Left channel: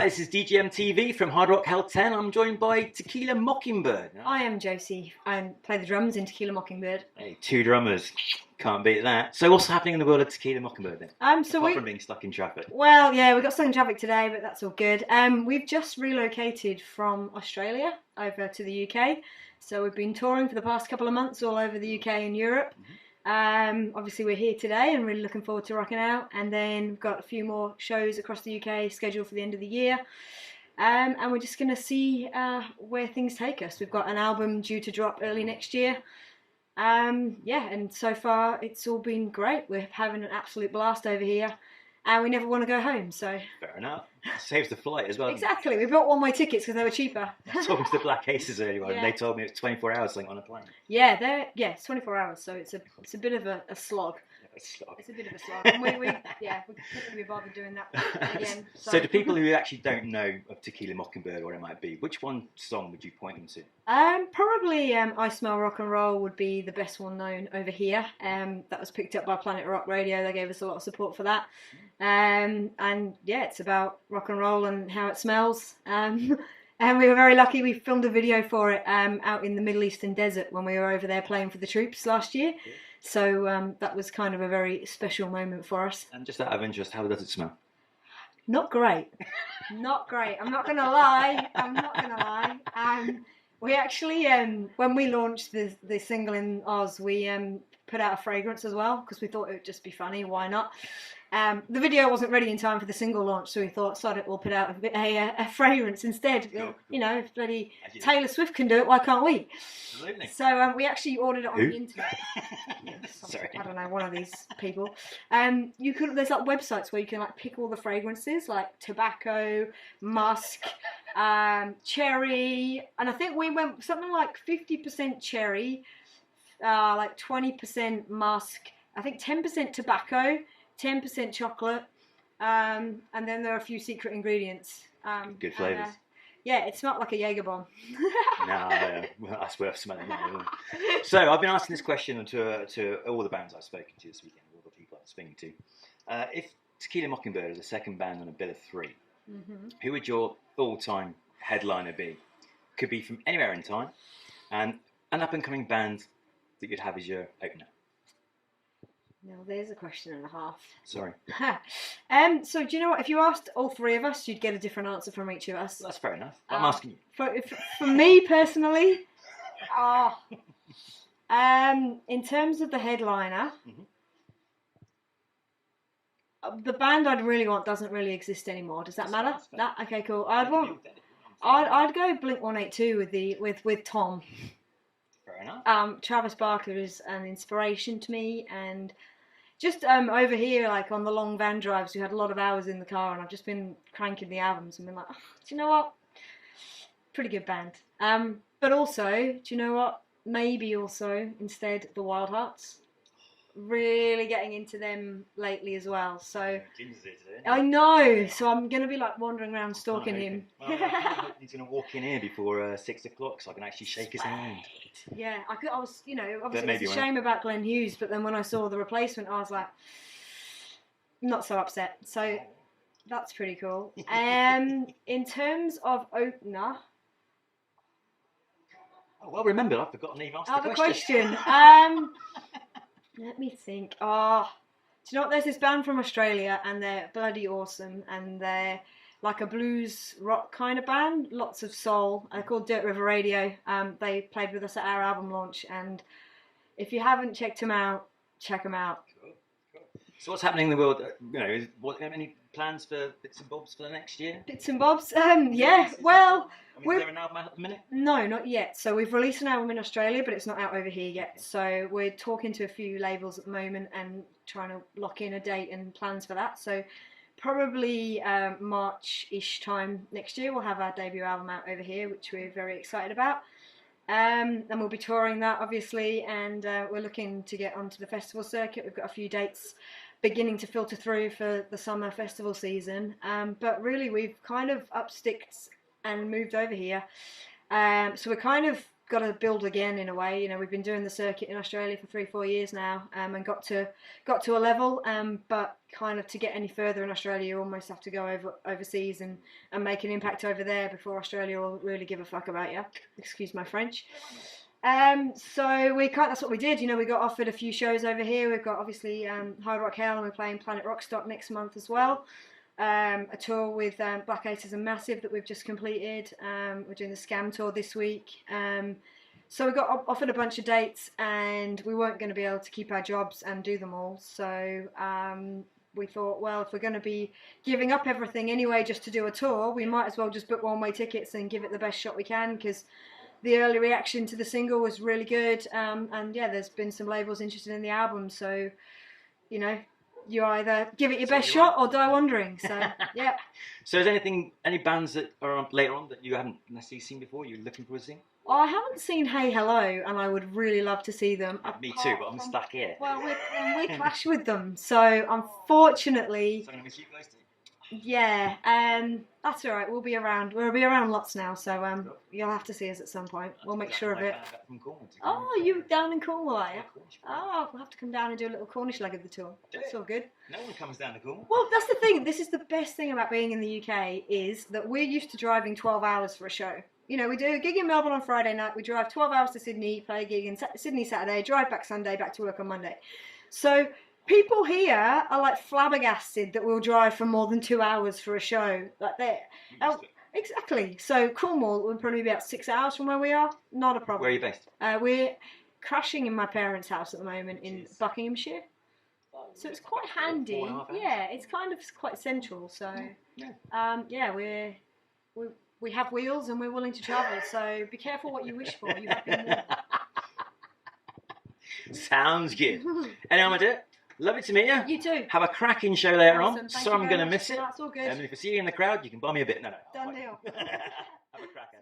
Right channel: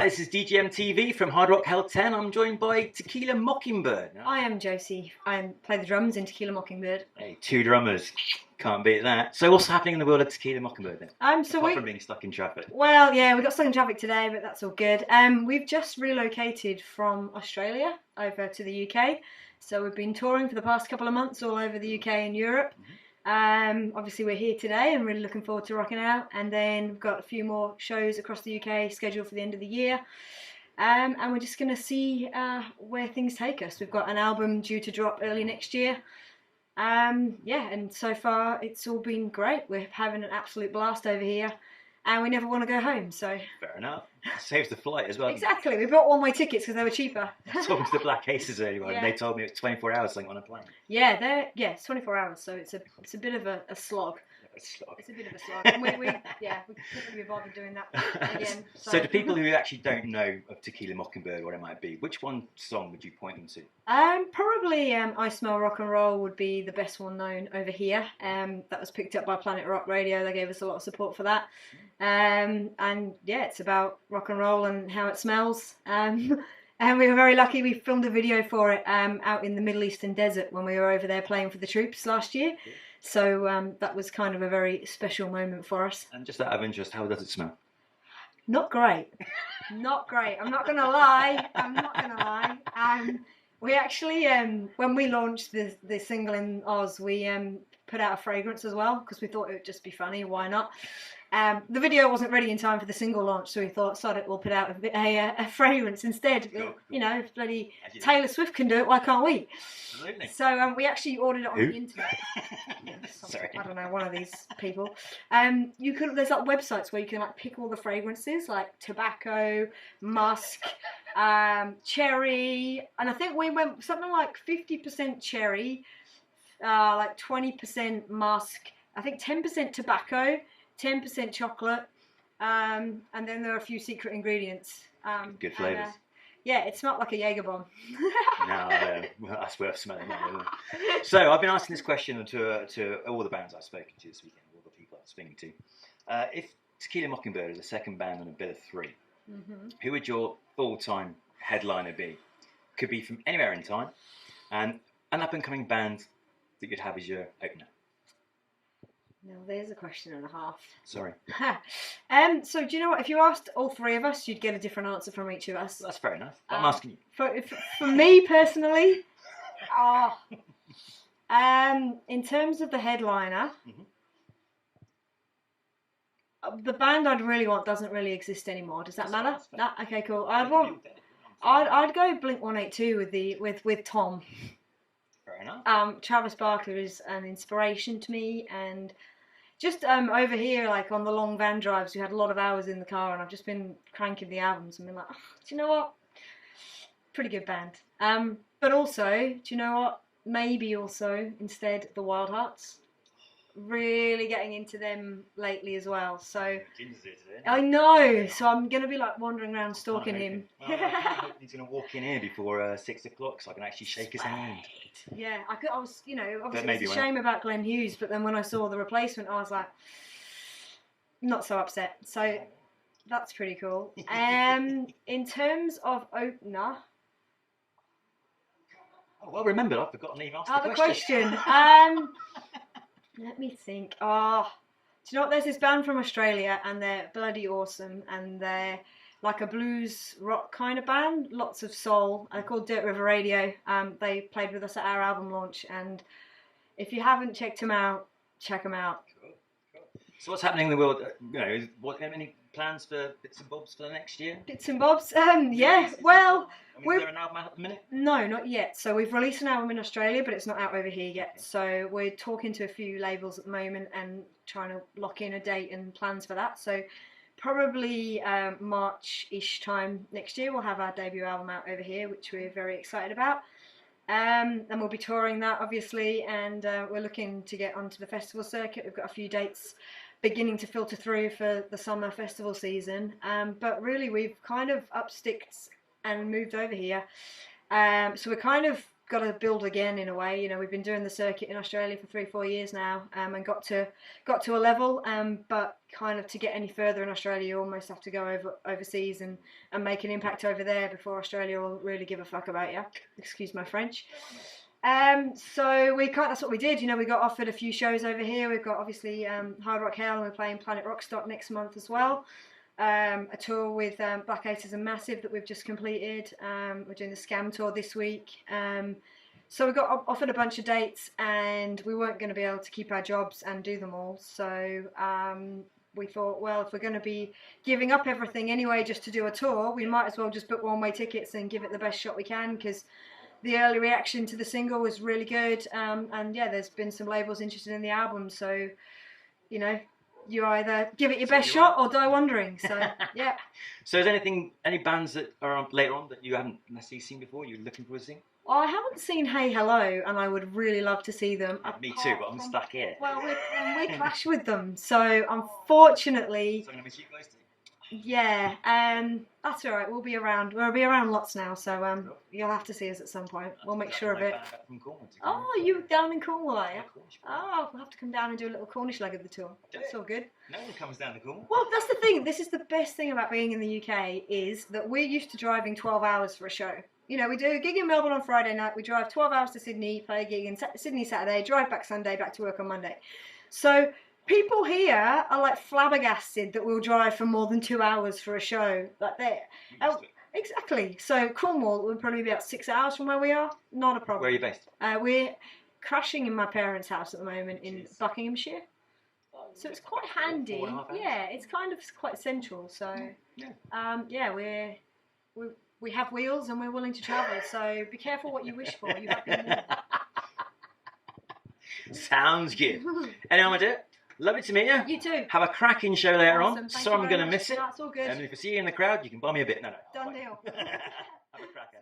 Hi, this is DGM TV from Hard Rock Hell 10. I'm joined by Tequila Mockingbyrd. I am Josie. I play the drums in Tequila Mockingbyrd. Hey, two drummers. Can't beat that. So what's happening in the world of Tequila Mockingbyrd then? Apart from being stuck in traffic. Well, yeah, we got stuck in traffic today, but that's all good. We've just relocated from Australia over to the UK. So we've been touring for the past couple of months all over the UK and Europe. Obviously we're here today and really looking forward to rocking out, and then we've got a few more shows across the UK scheduled for the end of the year, and we're just going to see where things take us. We've got an album due to drop early next year. Yeah, and so far it's all been great. We're having an absolute blast over here, and we never want to go home, so... Fair enough. It saves the flight as well. Exactly. We bought one-way tickets because they were cheaper. I was talking to the Black Aces earlier on, and they told me it's 24 hours on a plane. Yeah, it's 24 hours, so it's a bit of a slog. It's a bit of a slog. And we couldn't be bothered doing that again. So to people who actually don't know of Tequila Mockingbyrd, what it might be, which one song would you point them to? Probably I Smell Rock and Roll would be the best one known over here. That was picked up by Planet Rock Radio. They gave us a lot of support for that. And yeah, it's about rock and roll and how it smells. And we were very lucky. We filmed a video for it out in the Middle Eastern desert when we were over there playing for the troops last year. So that was kind of a very special moment for us. And just out of interest, how does it smell? Not great. Not great. I'm not going to lie. We actually, when we launched the single in Oz, we put out a fragrance as well because we thought it would just be funny. Why not? The video wasn't ready in time for the single launch, so we thought, sod it, we'll put out a fragrance instead. Cool. You know, if bloody Taylor Swift can do it, why can't we? Absolutely. So we actually ordered it on the internet. Sorry. I don't know, one of these people. There's like websites where you can like pick all the fragrances, like tobacco, musk, cherry, and I think we went something like 50% cherry, like 20% musk, I think 10% tobacco, 10% chocolate, and then there are a few secret ingredients. Good flavours. Yeah, it smelled like a Jaeger bomb. No, well, that's worth smelling. So I've been asking this question to all the bands I've spoken to this weekend, all the people I've spoken to. If Tequila Mockingbyrd is a second band on a bill of three, who would your all-time headliner be? Could be from anywhere in time, and an up-and-coming band that you'd have as your opener. Now, there's a question and a half. Sorry. So, do you know what? If you asked all three of us, you'd get a different answer from each of us. That's fair enough. I'm asking you. For me, personally, in terms of the headliner, the band I'd really want doesn't really exist anymore. Does that matter? No? Okay, cool. I'd go Blink-182 with Tom. Fair enough. Travis Barker is an inspiration to me, and just over here, like on the long van drives, we had a lot of hours in the car, and I've just been cranking the albums and been like, oh, do you know what? Pretty good band. But also, do you know what? Maybe also instead the Wild Hearts. Really getting into them lately as well. So I know. So I'm gonna be like wandering around stalking him. Well, I hope he's gonna walk in here before 6 o'clock, so I can actually shake his hand. Yeah, I was, obviously it's a shame about Glenn Hughes, but then when I saw the replacement, I was like, not so upset. So that's pretty cool. In terms of opener. Oh, well remembered. I've forgotten to even ask the question. Let me think. Do you know what? There's this band from Australia, and they're bloody awesome, and they're like a blues rock kind of band, lots of soul. They're called Dirt River Radio. They played with us at our album launch, and if you haven't checked them out, check them out. Cool. So what's happening in the world? Any plans for bits and bobs for the next year? Bits and bobs? Yeah. Well, is there an album out at the minute? No, not yet. So we've released an album in Australia, but it's not out over here yet. So we're talking to a few labels at the moment and trying to lock in a date and plans for that. So probably March-ish time next year, we'll have our debut album out over here, which we're very excited about. And we'll be touring that, obviously, and we're looking to get onto the festival circuit. We've got a few dates beginning to filter through for the summer festival season. But really, we've kind of upsticked and moved over here. So we're kind of got to build again in a way. You know, we've been doing the circuit in Australia for 3-4 years now, and got to a level. But kind of to get any further in Australia, you almost have to go overseas and make an impact over there before Australia will really give a fuck about you. Excuse my French. So that's what we did. You know, we got offered a few shows over here. We've got obviously Hard Rock Hell, and we're playing Planet Rockstock next month as well. A tour with Black Aces and Massive that we've just completed. We're doing the Scam tour this week. So we got offered a bunch of dates, and we weren't going to be able to keep our jobs and do them all. So we thought, well, if we're going to be giving up everything anyway just to do a tour, we might as well just book one-way tickets and give it the best shot we can, because the early reaction to the single was really good. And yeah, there's been some labels interested in the album. So, you know, you either give it your best shot or die wondering. So, yeah. So is any bands that are on later on that you haven't necessarily seen before, you're looking forward to seeing? Well, I haven't seen Hey Hello, and I would really love to see them. Me too, but I'm stuck here. Well, we clash with them, so unfortunately... So I'm going to miss you guys too. Yeah, that's all right. We'll be around. We'll be around lots now, so you'll have to see us at some point. We'll make sure of it. Oh, you down in Cornwall, are you? Oh, we'll have to come down and do a little Cornish leg of the tour. That's all good. No one comes down to Cornwall. Well, that's the thing. This is the best thing about being in the UK, is that we're used to driving 12 hours for a show. You know, we do a gig in Melbourne on Friday night. We drive 12 hours to Sydney, play a gig in Sydney Saturday, drive back Sunday, back to work on Monday. So people here are like flabbergasted that we'll drive for more than 2 hours for a show. Like that. Exactly. So Cornwall will probably be about 6 hours from where we are. Not a problem. Where are you based? We're crashing in my parents' house at the moment in Buckinghamshire. So it's quite handy. Yeah, it's kind of quite central. So yeah, we have wheels and we're willing to travel. So be careful what you wish for. You have been warned. Sounds good. Anyone want to do it? Lovely to meet you. You too. Have a cracking show later Awesome. on. Thank So you I'm very going to much. miss it. That's all good. And if I see you in the crowd, you can buy me a bit. No. Done deal. Have a cracker.